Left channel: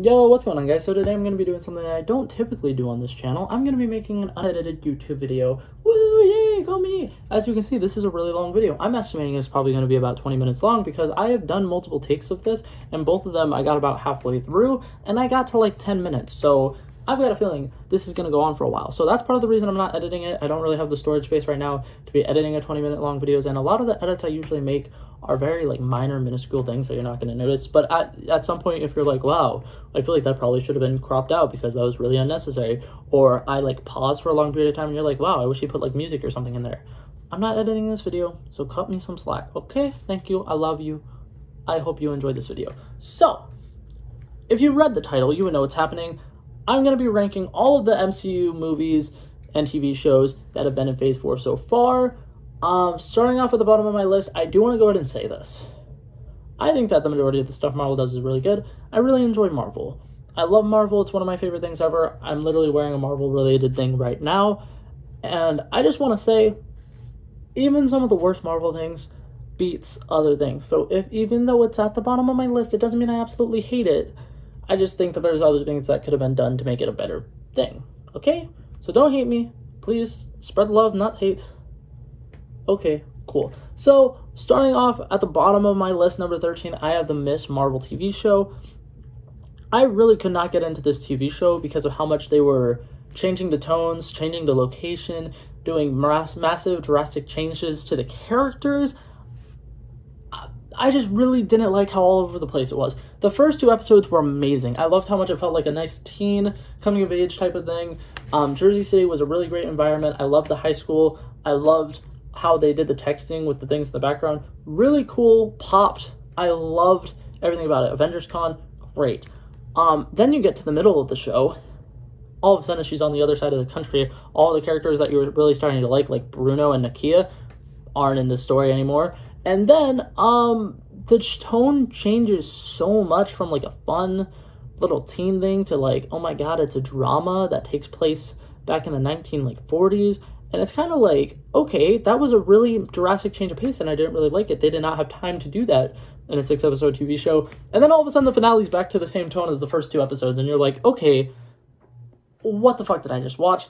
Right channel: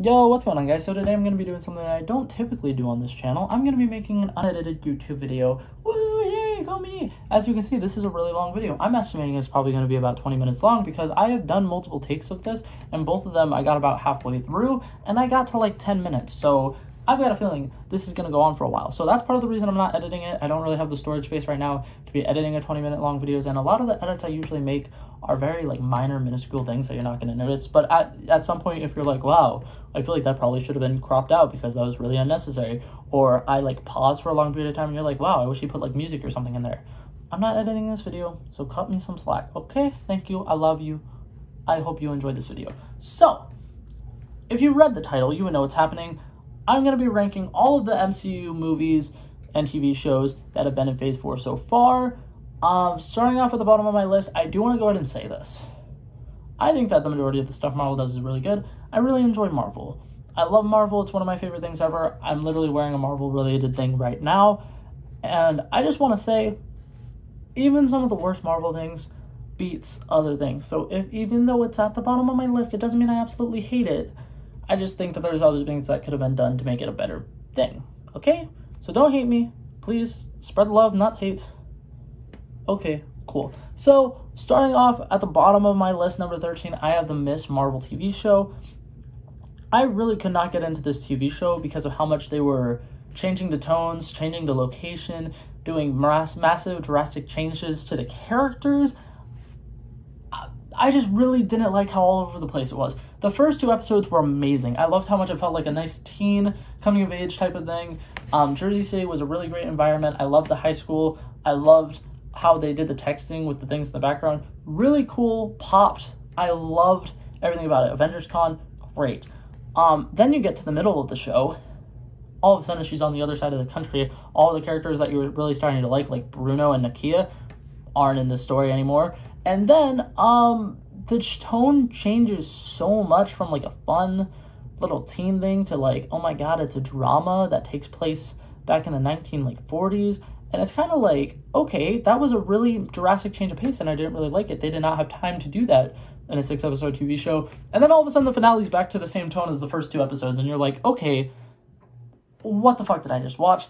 Yo, what's going on, guys? So today I'm going to be doing something I don't typically do on this channel. I'm going to be making an unedited YouTube video. Woo, yay, go me! As you can see, this is a really long video. I'm estimating it's probably going to be about 20 minutes long because I have done multiple takes of this, and both of them I got about halfway through, and I got to like 10 minutes. So I've got a feeling this is going to go on for a while. So that's part of the reason I'm not editing it. I don't really have the storage space right now to be editing a 20-minute long videos, and a lot of the edits I usually make are very like minor, minuscule things that you're not going to notice. But at some point, if you're like, wow, I feel like that probably should have been cropped out because that was really unnecessary, or I like pause for a long period of time and you're like, wow, I wish you put like music or something in there. I'm not editing this video, so cut me some slack, okay? Thank you. I love you. I hope you enjoyed this video. So, if you read the title, you would know what's happening. I'm going to be ranking all of the MCU movies and TV shows that have been in Phase 4 so far. Starting off at the bottom of my list, I do want to go ahead and say this. I think that the majority of the stuff Marvel does is really good. I really enjoy Marvel. I love Marvel. It's one of my favorite things ever. I'm literally wearing a Marvel-related thing right now. And I just want to say, even some of the worst Marvel things beats other things. So even though it's at the bottom of my list, it doesn't mean I absolutely hate it. I just think that there's other things that could have been done to make it a better thing. Okay? So don't hate me. Please spread love, not hate. Okay, cool. So, starting off at the bottom of my list, number 13, I have the Miss Marvel TV show. I really could not get into this TV show because of how much they were changing the tones, changing the location, doing massive, drastic changes to the characters. I just really didn't like how all over the place it was. The first two episodes were amazing. I loved how much it felt like a nice teen coming of age type of thing. Jersey City was a really great environment. I loved the high school. I loved how they did the texting with the things in the background. Really cool, popped. I loved everything about it. Avengers Con, great. Then you get to the middle of the show. All of a sudden, she's on the other side of the country. All the characters that you were really starting to like Bruno and Nakia, aren't in the story anymore. And then, the tone changes so much from like a fun little teen thing to like, oh my god, it's a drama that takes place back in the 1940s. And it's kind of like, okay, that was a really drastic change of pace, and I didn't really like it. They did not have time to do that in a 6-episode TV show. And then all of a sudden, the finale's back to the same tone as the first two episodes, and you're like, okay, what the fuck did I just watch?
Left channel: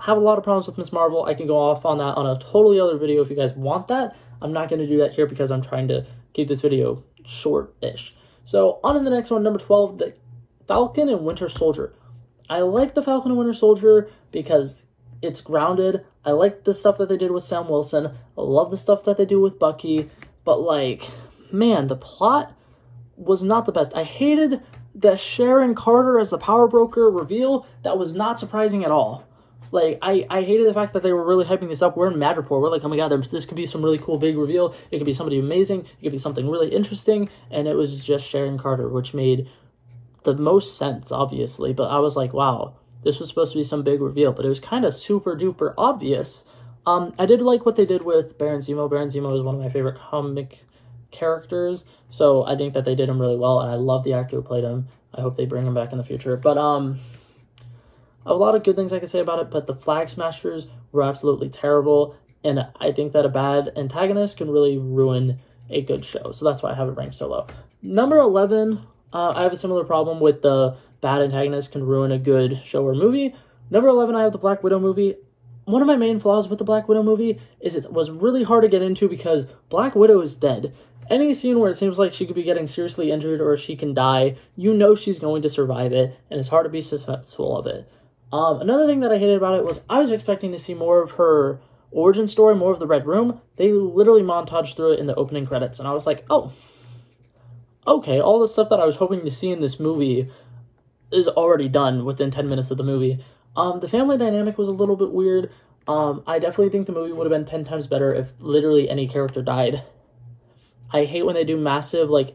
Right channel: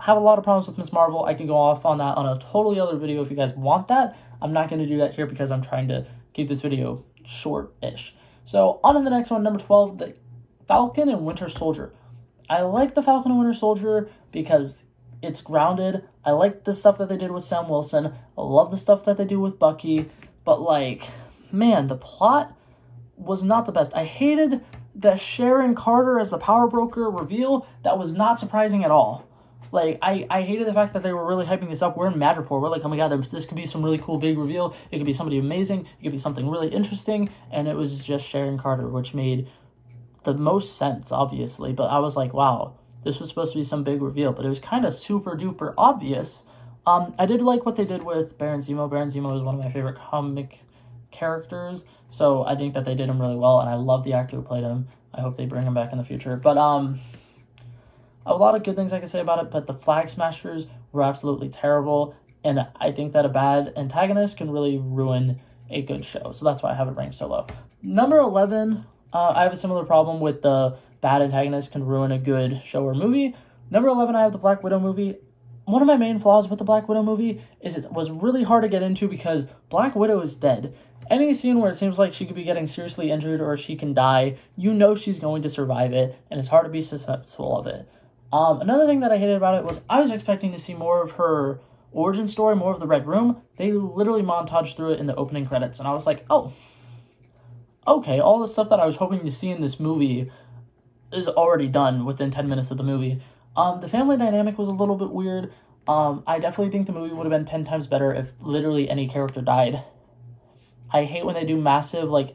I have a lot of problems with Miss Marvel. I can go off on that on a totally other video if you guys want that. I'm not going to do that here because I'm trying to keep this video short-ish. So, on to the next one, number 12, the Falcon and Winter Soldier. I like the Falcon and Winter Soldier because it's grounded. I like the stuff that they did with Sam Wilson. I love the stuff that they do with Bucky. But, like, man, the plot was not the best. I hated the Sharon Carter as the power broker reveal. That was not surprising at all. Like, I hated the fact that they were really hyping this up. We're in Madripoor. We're like, oh my god, this could be some really cool big reveal. It could be somebody amazing. It could be something really interesting. And it was just Sharon Carter, which made the most sense, obviously. But I was like, wow, this was supposed to be some big reveal. But it was kind of super duper obvious. I did like what they did with Baron Zemo. Baron Zemo is one of my favorite comic characters. So I think that they did him really well. And I love the actor who played him. I hope they bring him back in the future. But, a lot of good things I could say about it, but the Flag Smashers were absolutely terrible, and I think that a bad antagonist can really ruin a good show, so that's why I have it ranked so low. Number 11, I have a similar problem with the bad antagonist can ruin a good show or movie. Number 11, I have the Black Widow movie. One of my main flaws with the Black Widow movie is it was really hard to get into because Black Widow is dead. Any scene where it seems like she could be getting seriously injured or she can die, you know she's going to survive it, and it's hard to be suspenseful of it. Another thing that I hated about it was I was expecting to see more of her origin story, more of the Red Room. They literally montaged through it in the opening credits, and I was like, oh, okay, all the stuff that I was hoping to see in this movie is already done within 10 minutes of the movie. The family dynamic was a little bit weird. I definitely think the movie would have been 10 times better if literally any character died. I hate when they do massive, like,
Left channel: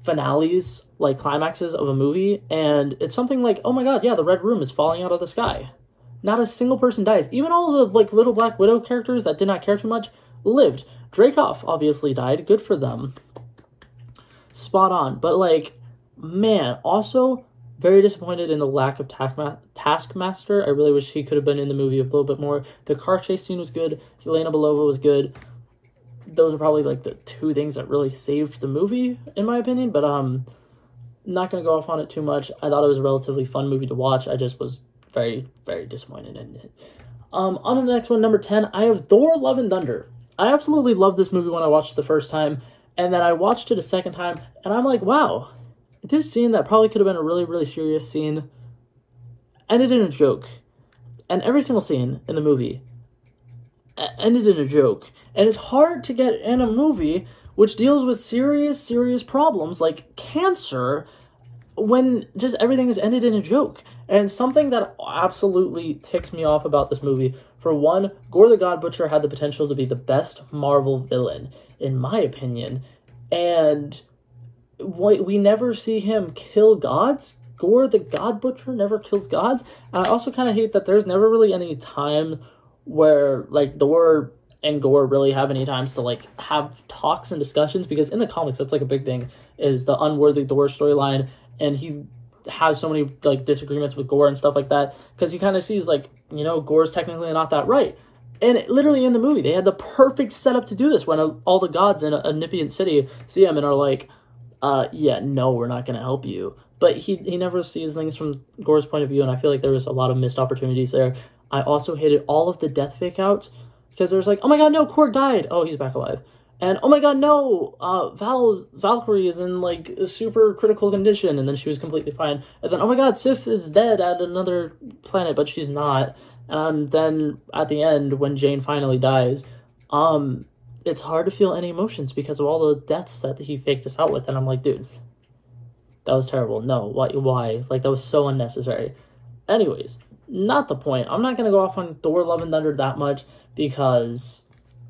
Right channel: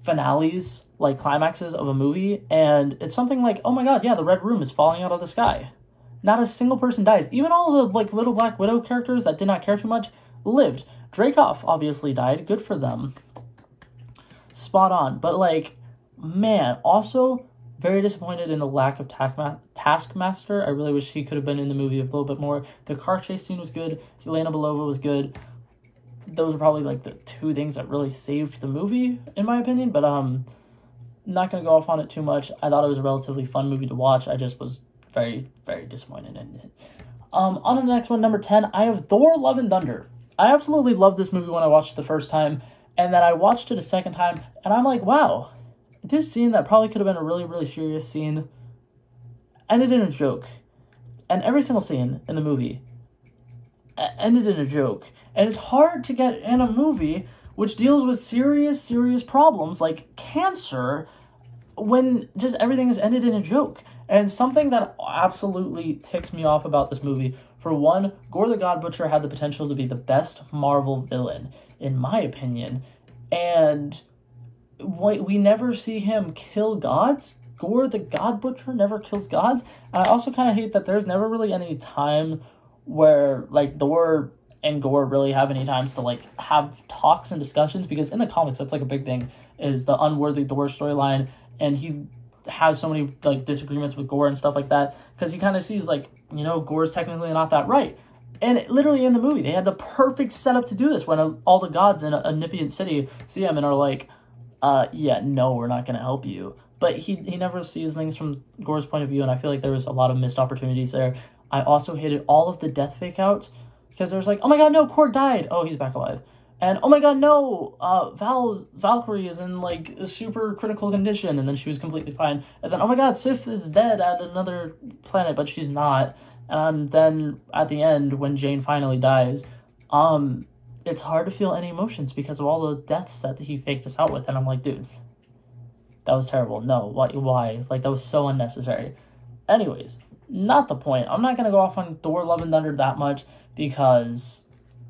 finales, like climaxes of a movie, and it's something like, oh my god, yeah, the Red Room is falling out of the sky. Not a single person dies. Even all the like little Black Widow characters that did not care too much lived. Dreykov obviously died. Good for them. Spot on. But like, man, also very disappointed in the lack of Taskmaster. I really wish he could have been in the movie a little bit more. The car chase scene was good. Yelena Belova was good. Those are probably like the two things that really saved the movie, in my opinion. But not going to go off on it too much. I thought it was a relatively fun movie to watch. I just was very, very disappointed in it. On to the next one, number 10, I have Thor, Love and Thunder. I absolutely loved this movie when I watched it the first time, and then I watched it a second time, and I'm like, wow, this scene that probably could have been a really, really serious scene ended in a joke. And every single scene in the movie ended in a joke. And it's hard to get in a movie which deals with serious, serious problems like cancer when just everything is ended in a joke. And something that absolutely ticks me off about this movie, for one, Gore the God Butcher had the potential to be the best Marvel villain, in my opinion. And we never see him kill gods. Gore the God Butcher never kills gods. And I also kind of hate that there's never really any time where, like, Thor and Gore really have any times to, like, have talks and discussions, because in the comics, that's, like, a big thing, is the unworthy Thor storyline, and he has so many, like, disagreements with Gore and stuff like that, because he kind of sees, like, you know, Gore's technically not that right. And literally in the movie, they had the perfect setup to do this when all the gods in a Nipian city see him and are like, yeah, no, we're not going to help you. But he never sees things from Gore's point of view, and I feel like there was a lot of missed opportunities there. I also hated all of the death fake outs, because there's like, oh my god, no, Korg died. Oh, he's back alive. And oh my god, no, Valkyrie is in like a super critical condition, and then she was completely fine. And then, oh my god, Sif is dead at another planet, but she's not. And then at the end, when Jane finally dies, it's hard to feel any emotions because of all the deaths that he faked us out with. And I'm like, dude, that was terrible. No, why? Like, that was so unnecessary. Anyways, not the point. I'm not going to go off on Thor, Love and Thunder that much, because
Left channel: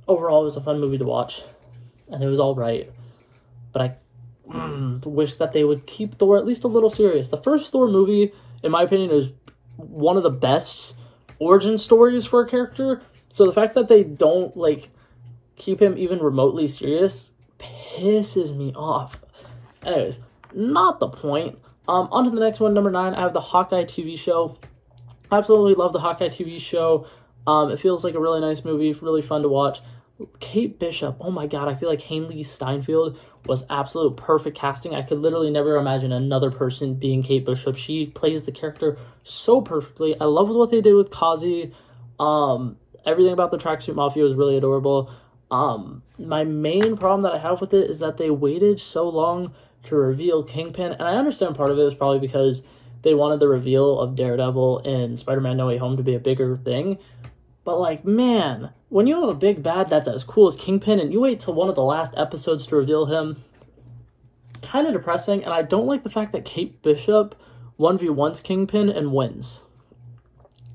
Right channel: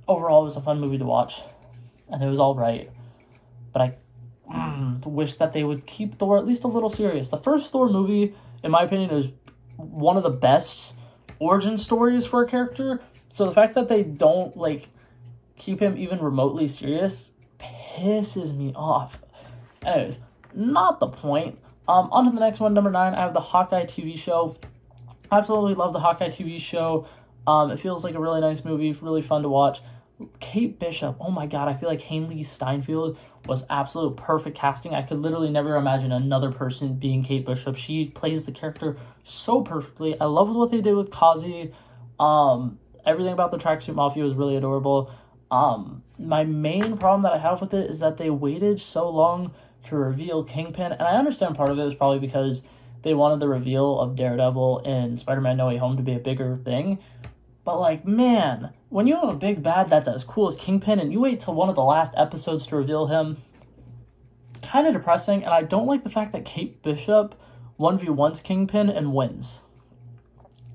overall it was a fun movie to watch, and it was all right. But I wish that they would keep Thor at least a little serious. The first Thor movie, in my opinion, is one of the best origin stories for a character. So the fact that they don't, like, keep him even remotely serious pisses me off. Anyways, not the point. On to the next one, number 9, I have the Hawkeye TV show. Absolutely love the Hawkeye TV show. It feels like a really nice movie, really fun to watch. Kate Bishop, oh my god, I feel like Hailey Steinfeld was absolute perfect casting. I could literally never imagine another person being Kate Bishop. She plays the character so perfectly. I love what they did with Kazi. Everything about the Tracksuit Mafia was really adorable. My main problem that I have with it is that they waited so long to reveal Kingpin, and I understand part of it was probably because they wanted the reveal of Daredevil in Spider-Man No Way Home to be a bigger thing. But, like, man, when you have a big bad that's as cool as Kingpin and you wait till one of the last episodes to reveal him, kind of depressing. And I don't like the fact that Kate Bishop 1v1s Kingpin and wins.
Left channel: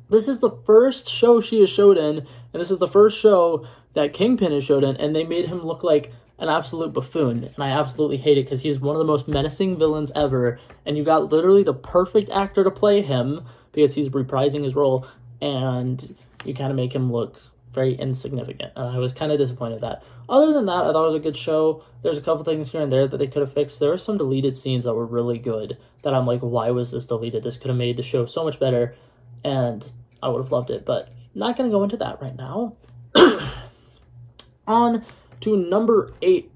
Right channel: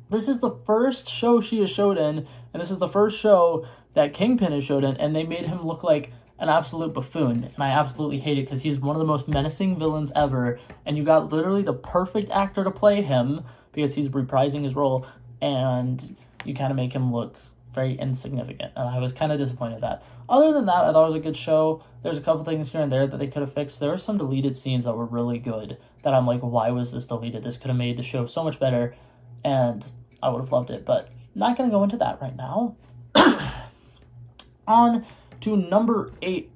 This is the first show she is showed in, and this is the first show that Kingpin is showed in, and they made him look like an absolute buffoon. And I absolutely hate it because he's one of the most menacing villains ever, and you got literally the perfect actor to play him because he's reprising his role, and you kind of make him look very insignificant, and I was kind of disappointed with that. Other than that, I thought it was a good show. There's a couple things here and there that they could have fixed. There were some deleted scenes that were really good that I'm like, why was this deleted? This could have made the show so much better, and I would have loved it, but not going to go into that right now. On to number 8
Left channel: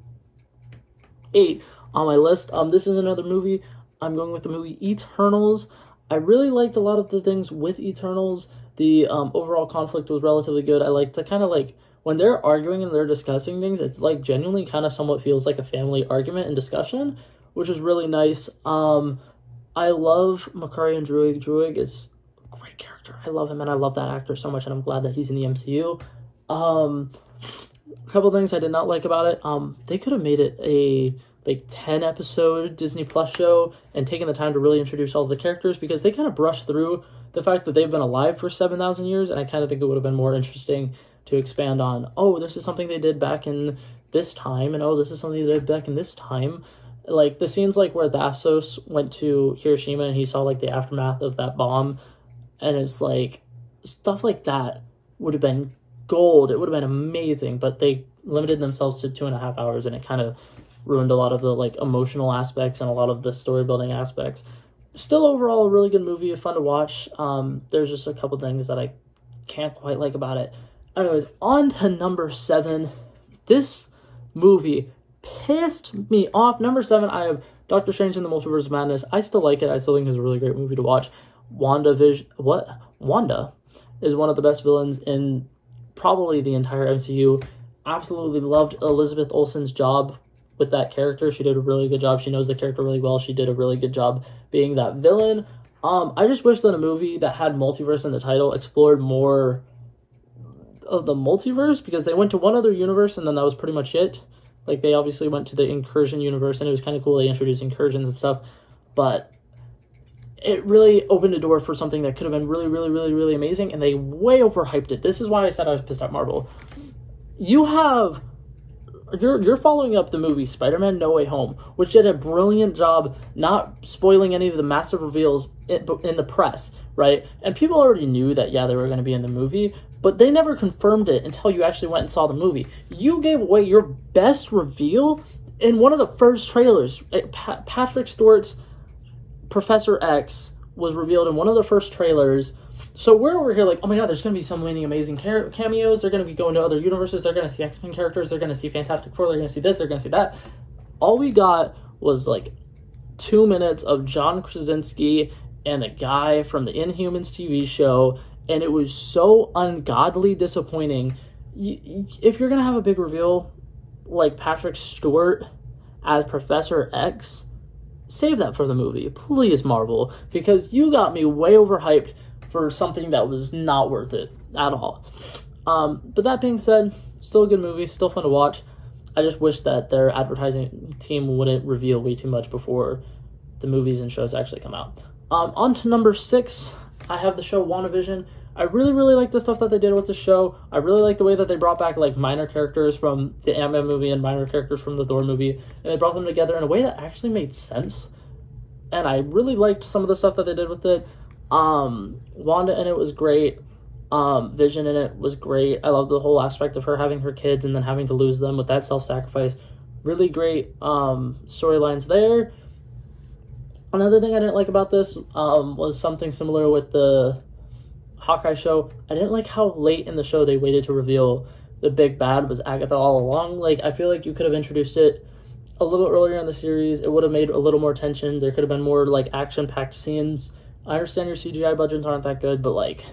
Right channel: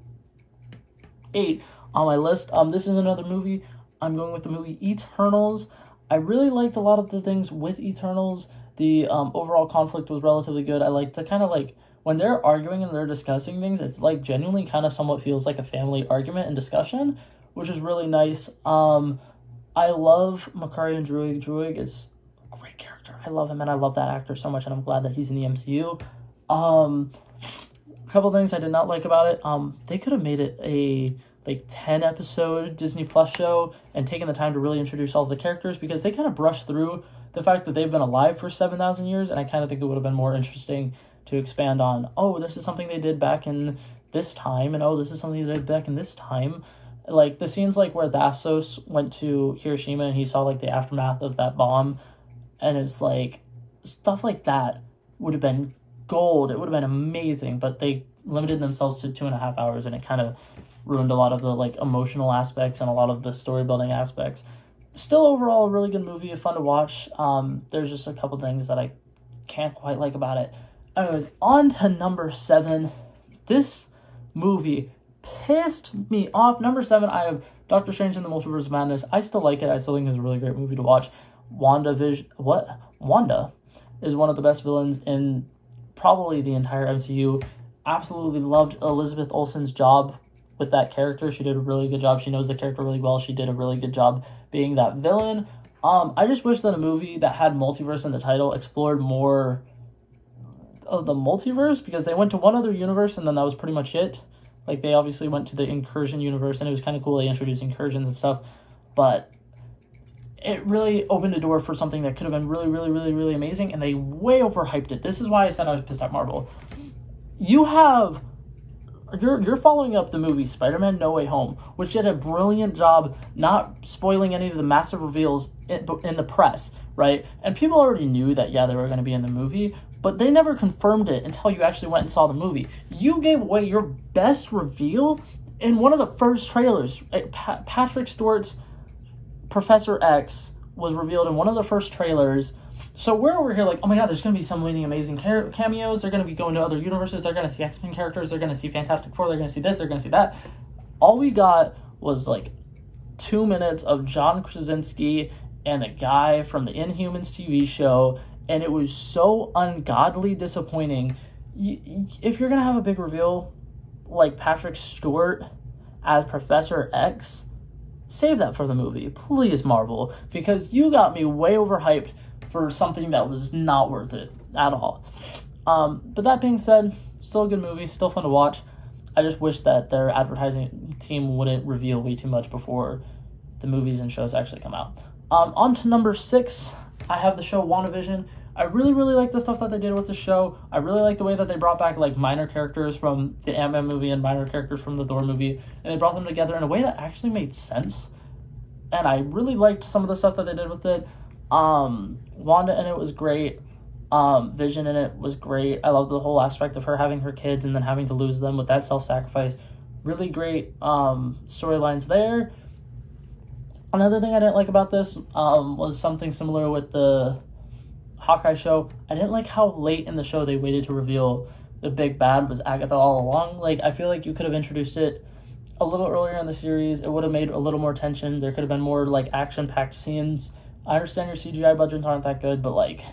on my list. This is another movie. I'm going with the movie Eternals. I really liked a lot of the things with Eternals. The overall conflict was relatively good. I like to kind of like, when they're arguing and they're discussing things, it's like genuinely kind of somewhat feels like a family argument and discussion, which is really nice. I love Makari and Druig. Druig is a great character. I love him, and I love that actor so much, and I'm glad that he's in the MCU. A couple things I did not like about it. They could have made it a like 10 episode Disney Plus show and taken the time to really introduce all the characters, because they kind of brushed through the fact that they've been alive for 7,000 years, and I kind of think it would have been more interesting to expand on, oh, this is something they did back in this time, and oh, this is something they did back in this time. Like, the scenes like where Thasos went to Hiroshima and he saw like the aftermath of that bomb, and it's like, stuff like that would have been gold. It would have been amazing, but they limited themselves to 2.5 hours, and it kind of ruined a lot of the like emotional aspects and a lot of the story building aspects. Still, overall, a really good movie, fun to watch. There's just a couple things that I can't quite like about it. Anyways, on to number 7. This movie pissed me off. Number 7, I have Doctor Strange in the Multiverse of Madness, I still like it. I still think it's a really great movie to watch. Wanda is one of the best villains in probably the entire MCU. Absolutely loved Elizabeth Olsen's job with that character. She did a really good job. She knows the character really well. She did a really good job being that villain. I just wish that a movie that had multiverse in the title explored more of the multiverse, because they went to one other universe and then that was pretty much it. Like, they obviously went to the Incursion universe, and it was kind of cool. They introduced incursions and stuff, but it really opened a door for something that could have been really, really, really, really amazing, and they way overhyped it. This is why I said I was pissed at Marvel. You're following up the movie Spider-Man No Way Home, which did a brilliant job not spoiling any of the massive reveals in the press, right? And people already knew that, yeah, they were going to be in the movie, but they never confirmed it until you actually went and saw the movie. You gave away your best reveal in one of the first trailers. Patrick Stewart's Professor X was revealed in one of the first trailers. So we're over here like, oh my god, there's going to be so many amazing cameos. They're going to be going to other universes. They're going to see X-Men characters. They're going to see Fantastic Four. They're going to see this. They're going to see that. All we got was like 2 minutes of John Krasinski and a guy from the Inhumans TV show, and it was so ungodly disappointing. If you're going to have a big reveal like Patrick Stewart as Professor X, save that for the movie, please, Marvel, because you got me way overhyped for something that was not worth it at all. But that being said, still a good movie, still fun to watch. I just wish that their advertising team wouldn't reveal way too much before the movies and shows actually come out. On to number 6, I have the show WandaVision. I really, really like the stuff that they did with the show. I really like the way that they brought back like minor characters from the Ant-Man movie and minor characters from the Thor movie, and they brought them together in a way that actually made sense. And I really liked some of the stuff that they did with it. Wanda in it was great. Vision in it was great. I love the whole aspect of her having her kids and then having to lose them with that self-sacrifice. Really great storylines there. Another thing I didn't like about this was something similar with the Hawkeye show. I didn't like how late in the show they waited to reveal the big bad was Agatha all along. Like, I feel like you could have introduced it a little earlier in the series. It would have made a little more tension. There could have been more like action-packed scenes. I understand your CGI budgets aren't that good, but like,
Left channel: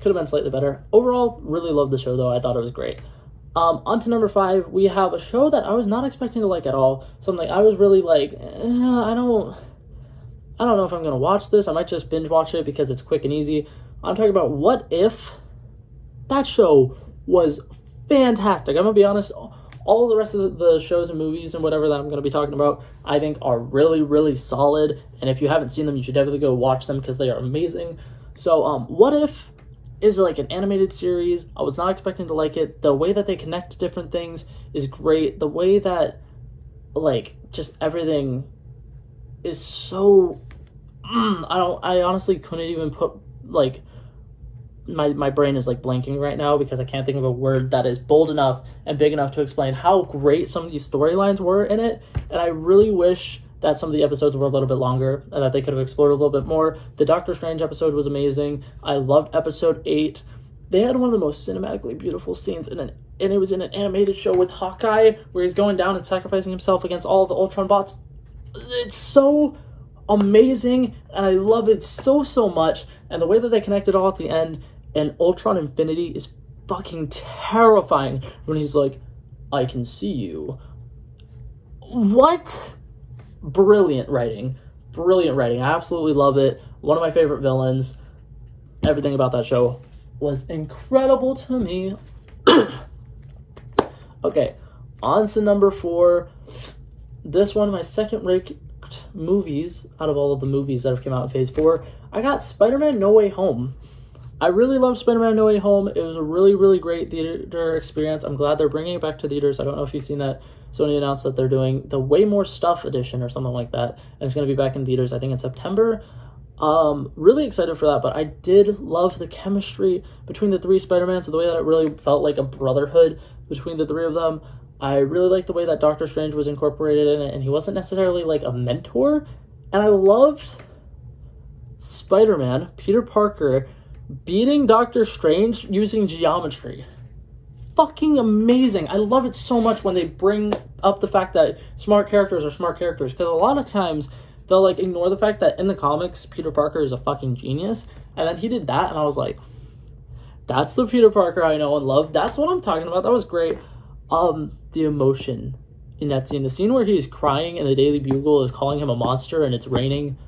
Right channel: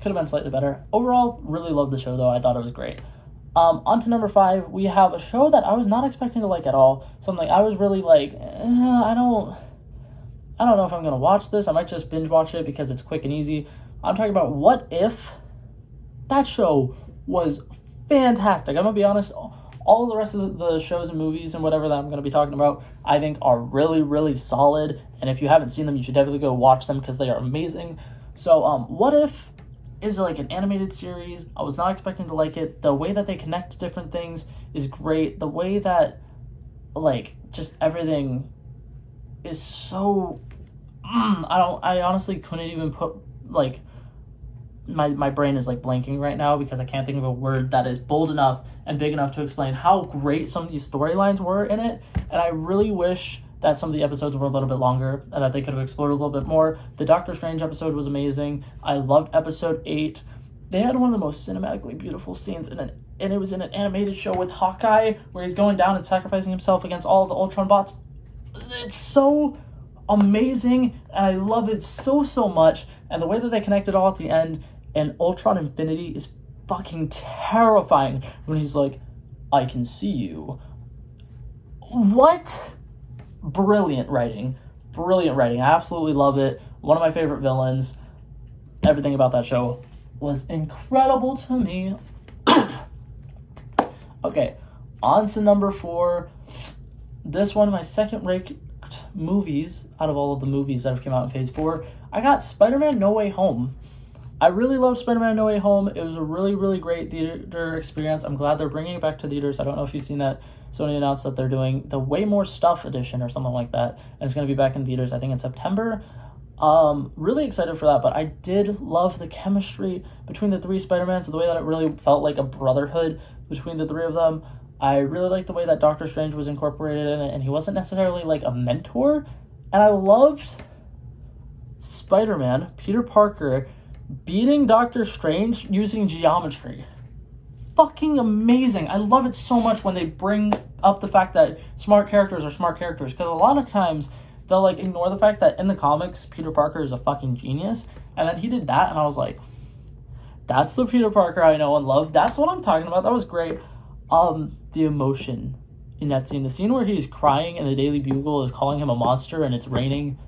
could have been slightly better. Overall, really loved the show though. I thought it was great. On to number 5, we have a show that I was not expecting to like at all. Something I was really like, I don't know if I'm gonna watch this. I might just binge watch it because it's quick and easy. I'm talking about What If. That show was fantastic. I'm gonna be honest. All of the rest of the shows and movies and whatever that I'm going to be talking about, I think are really, really solid. And if you haven't seen them, you should definitely go watch them because they are amazing. So, What If is like an animated series. I was not expecting to like it. The way that they connect different things is great. The way that, like, just everything is so... I honestly couldn't even put, like... My brain is like blanking right now because I can't think of a word that is bold enough and big enough to explain how great some of these storylines were in it. And I really wish that some of the episodes were a little bit longer and that they could have explored a little bit more. The Doctor Strange episode was amazing. I loved episode 8. They had one of the most cinematically beautiful scenes and it was in an animated show with Hawkeye where he's going down and sacrificing himself against all the Ultron bots. It's so amazing and I love it so much. And the way that they connect it all at the end, and Ultron Infinity is fucking terrifying when he's like, I can see you. What? Brilliant writing. Brilliant writing. I absolutely love it. One of my favorite villains. Everything about that show was incredible to me. Okay, on to number 4. This one of my second-rate movies out of all of the movies that have come out in Phase 4. I got Spider-Man No Way Home. I really loved Spider-Man No Way Home. It was a really, really great theater experience. I'm glad they're bringing it back to theaters. I don't know if you've seen that. Sony announced that they're doing the Way More Stuff edition or something like that. And it's going to be back in theaters, I think, in September. Really excited for that. But I did love the chemistry between the 3 Spider-Mans. The way that it really felt like a brotherhood between the 3 of them. I really liked the way that Doctor Strange was incorporated in it. And he wasn't necessarily like a mentor. And I loved Spider-Man, Peter Parker, beating Doctor Strange using geometry. Fucking amazing. I love it so much when they bring up the fact that smart characters are smart characters, because a lot of times they'll like ignore the fact that in the comics Peter Parker is a fucking genius, and then he did that and I was like, that's the Peter Parker I know and love. That's what I'm talking about. That was great. The emotion in that scene, the scene where he's crying and the Daily Bugle is calling him a monster and it's raining,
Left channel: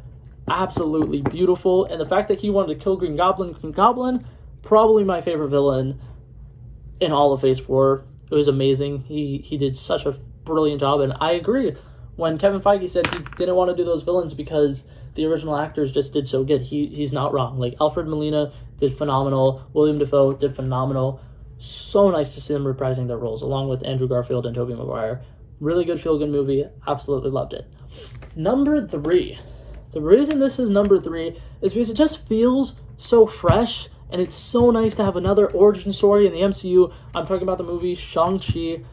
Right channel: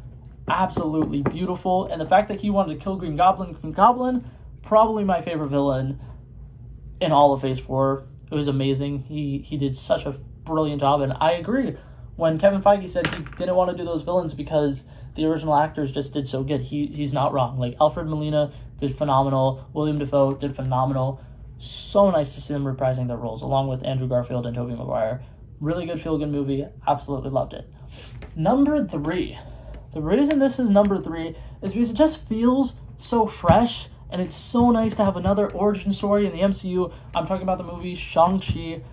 absolutely beautiful. And the fact that he wanted to kill Green Goblin, probably my favorite villain in all of Phase 4. It was amazing. He did such a brilliant job, and I agree when Kevin Feige said he didn't want to do those villains because the original actors just did so good. He's not wrong. Like, Alfred Molina did phenomenal. William Dafoe did phenomenal. So nice to see them reprising their roles, along with Andrew Garfield and Tobey Maguire. Really good feel-good movie. Absolutely loved it. Number 3. The reason this is number 3 is because it just feels so fresh, and it's so nice to have another origin story in the MCU. I'm talking about the movie Shang-Chi.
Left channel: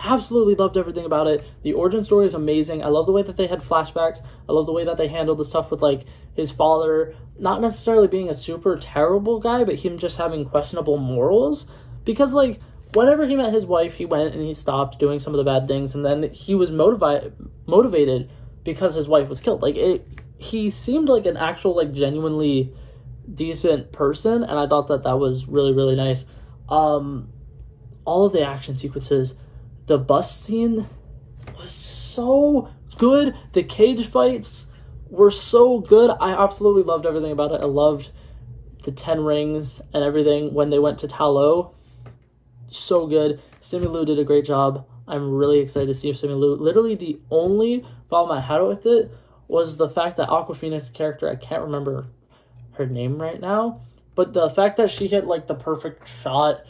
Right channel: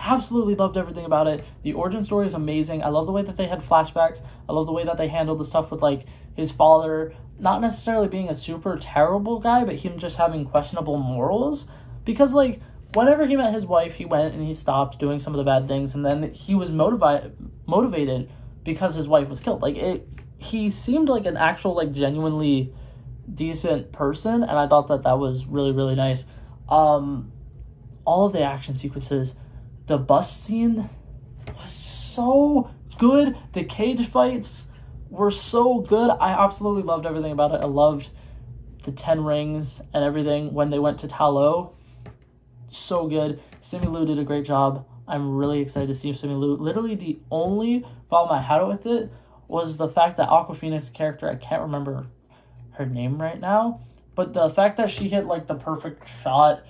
Absolutely loved everything about it. The origin story is amazing. I love the way that they had flashbacks. I love the way that they handled the stuff with, like, his father not necessarily being a super terrible guy, but him just having questionable morals. Because, like, whenever he met his wife, he went and he stopped doing some of the bad things, and then he was motivated because his wife was killed. Like, he seemed like an actual, like, genuinely decent person, and I thought that that was really, really nice. All of the action sequences, the bus scene was so good. The cage fights were so good. I absolutely loved everything about it. I loved the 10 rings and everything when they went to Talo. So good. Simu Liu did a great job. I'm really excited to see Simu Liu. Literally the only problem I had with it was the fact that Awkwafina's character, I can't remember her name right now, but the fact that she hit like the perfect shot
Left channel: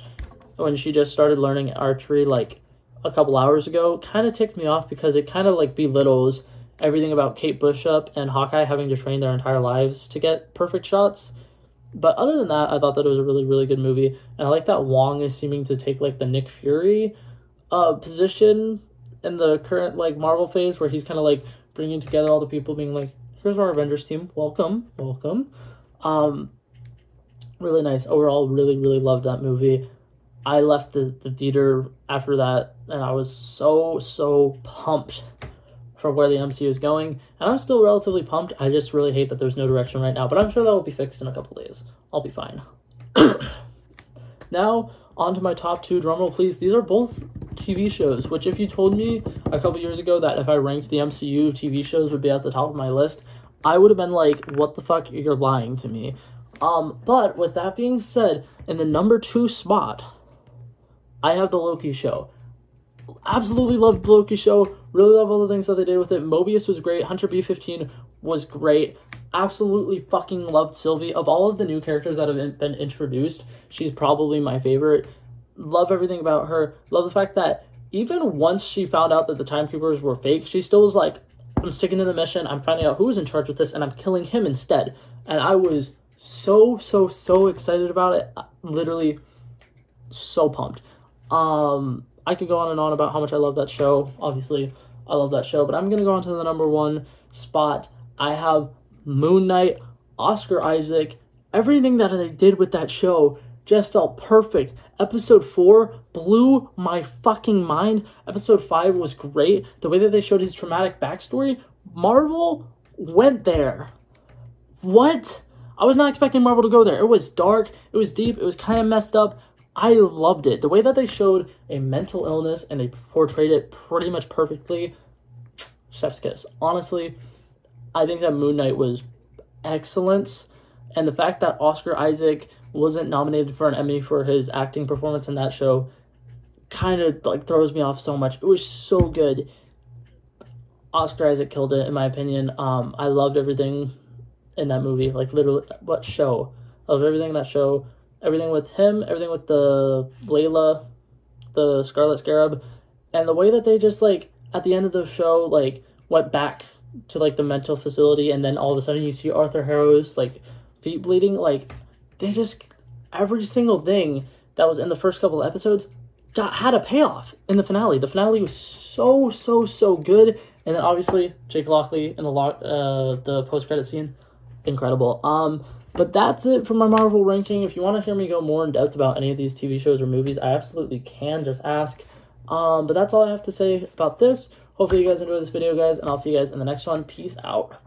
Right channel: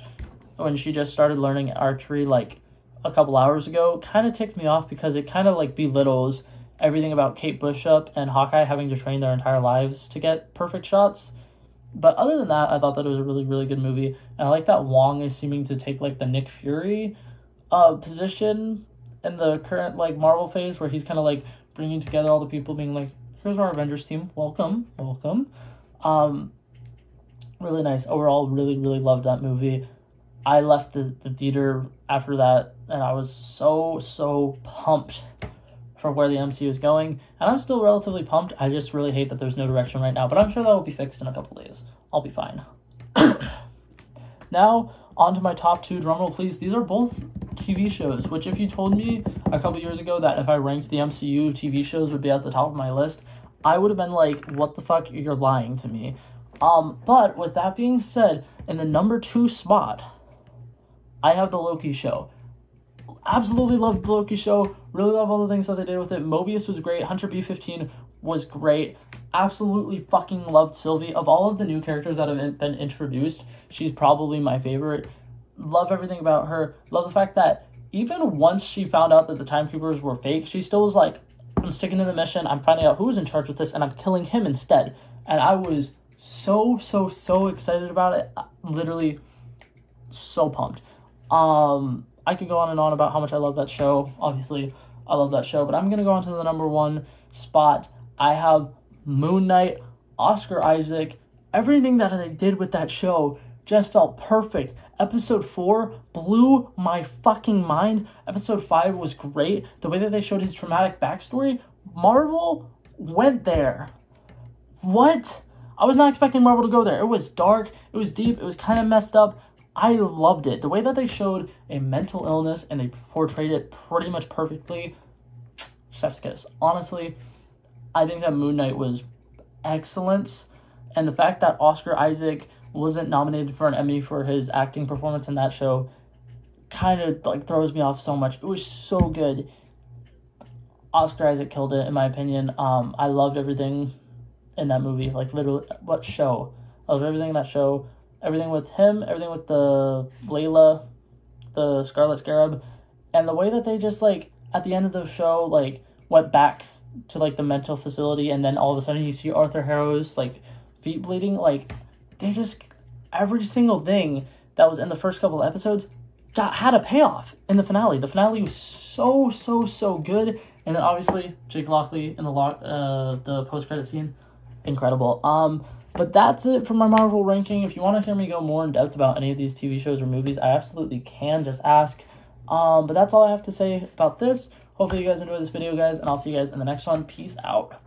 when she just started learning archery like a couple hours ago kind of ticked me off, because it kind of like belittles everything about Kate Bishop and Hawkeye having to train their entire lives to get perfect shots. But other than that, I thought that it was a really, really good movie. And I like that Wong is seeming to take like the Nick Fury position in the current like Marvel phase, where he's kind of like bringing together all the people, being like, here's our Avengers team, welcome. Really nice. Overall, really, really loved that movie. I left the theater after that, and I was so pumped for where the MCU is going. And I'm still relatively pumped. I just really hate that there's no direction right now, but I'm sure that will be fixed in a couple days. I'll be fine. Now, on to my top 2. Drumroll, please. These are both TV shows, which if you told me a couple years ago that if I ranked the MCU TV shows would be at the top of my list, I would have been like, what the fuck? You're lying to me. But with that being said, in the number 2 spot, I have the Loki show. Absolutely loved the Loki show. Really love all the things that they did with it. Mobius was great. Hunter B-15 was great. Absolutely fucking loved Sylvie. Of all of the new characters that have been introduced, she's probably my favorite. Love everything about her. Love the fact that even once she found out that the Timekeepers were fake, she still was like, I'm sticking to the mission. I'm finding out who's in charge with this, and I'm killing him instead. And I was so excited about it. Literally so pumped. I could go on and on about how much I love that show. Obviously, I love that show, but I'm going to go on to the number 1 spot. I have Moon Knight, Oscar Isaac. Everything that they did with that show just felt perfect. Episode 4 blew my fucking mind. Episode 5 was great. The way that they showed his traumatic backstory, Marvel went there. What? I was not expecting Marvel to go there. It was dark, it was deep, it was kind of messed up. I loved it. The way that they showed a mental illness and they portrayed it pretty much perfectly. Chef's kiss. Honestly, I think that Moon Knight was excellent. And the fact that Oscar Isaac wasn't nominated for an Emmy for his acting performance in that show kind of like throws me off so much. It was so good. Oscar Isaac killed it, in my opinion. I loved everything in that movie. Like, literally, what show? I loved everything in that show. Everything with him, everything with the Layla, the Scarlet Scarab, and the way that they just, like, at the end of the show, like, went back to, like, the mental facility, and then all of a sudden you see Arthur Harrow's, like, feet bleeding. Like, they just, every single thing that was in the first couple of episodes had a payoff in the finale. The finale was so good, and then obviously Jake Lockley in the post-credit scene, incredible. But that's it for my Marvel ranking. If you want to hear me go more in depth about any of these TV shows or movies, I absolutely can. Just ask. But that's all I have to say about this. Hopefully you guys enjoyed this video, guys, and I'll see you guys in the next one. Peace out.